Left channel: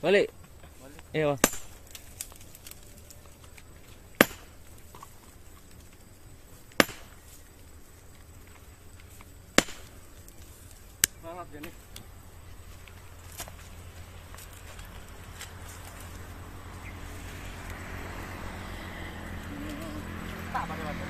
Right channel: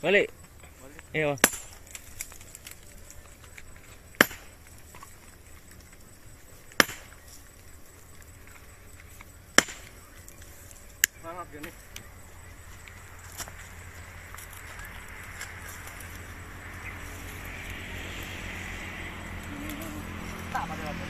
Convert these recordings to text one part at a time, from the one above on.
Balik. Iya. Maaf gini. Tak pada waktu.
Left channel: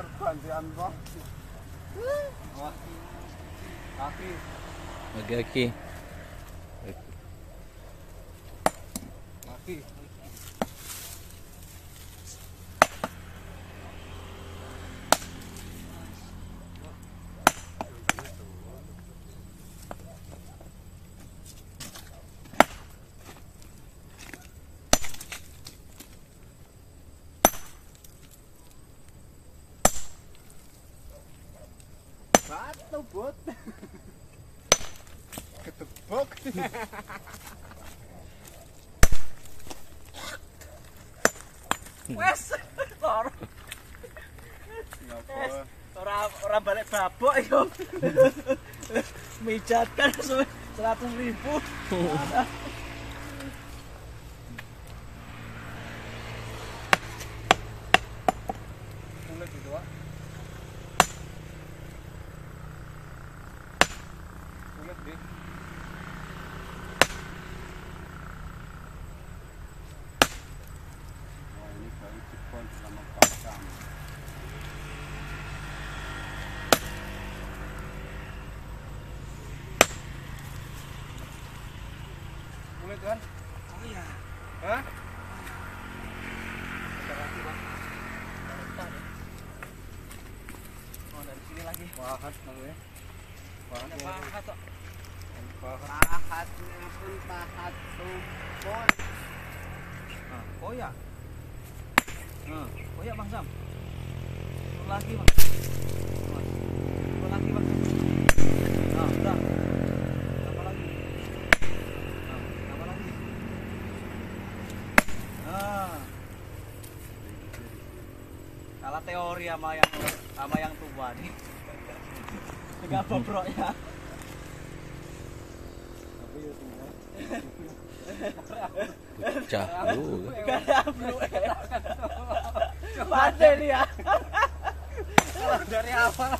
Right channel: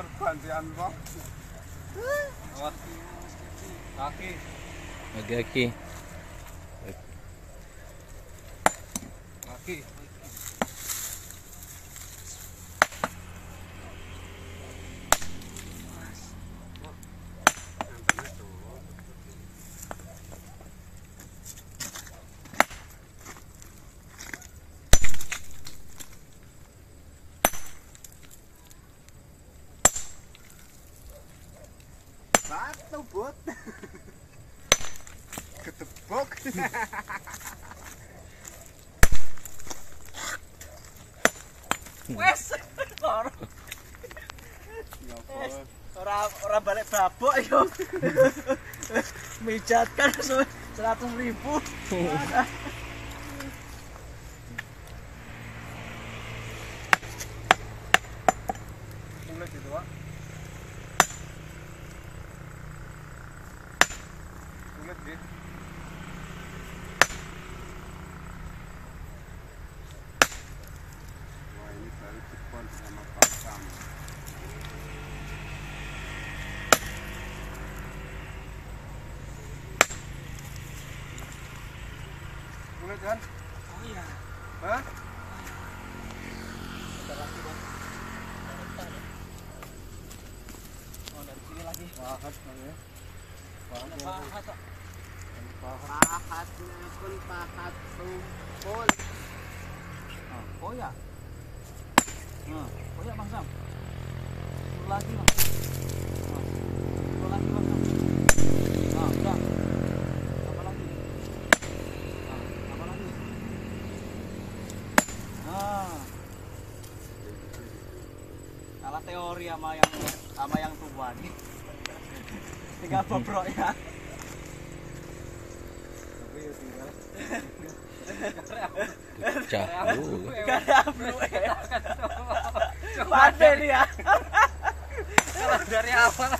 Pergantian bang. Kaki. Kaki. Kaki. Satu bot. Ketepok. Wes, loro. Ora balik babok yo. Mijatkan 100.000. Kulit gitu, Pak. Kulit deh. Kulit kan? Oh iya. Hah? Ada lagi bang. Dari depan ya. Oh dari sini lagi. Pahat namanya. Pahat. Pahat pak. Pahat. Pahat pun pahat sumpul. Nah, koyak. Nah, koyak bang Sam. Lagi bang. Lagi bang. Nah, udah. Apa lagi? Nah, apa lagi? Nah. Salah teori sama yang tua nih. Tinggal bobrok ya. Tapi ya tinggal. Jauh. Pandai dia. Dari awal.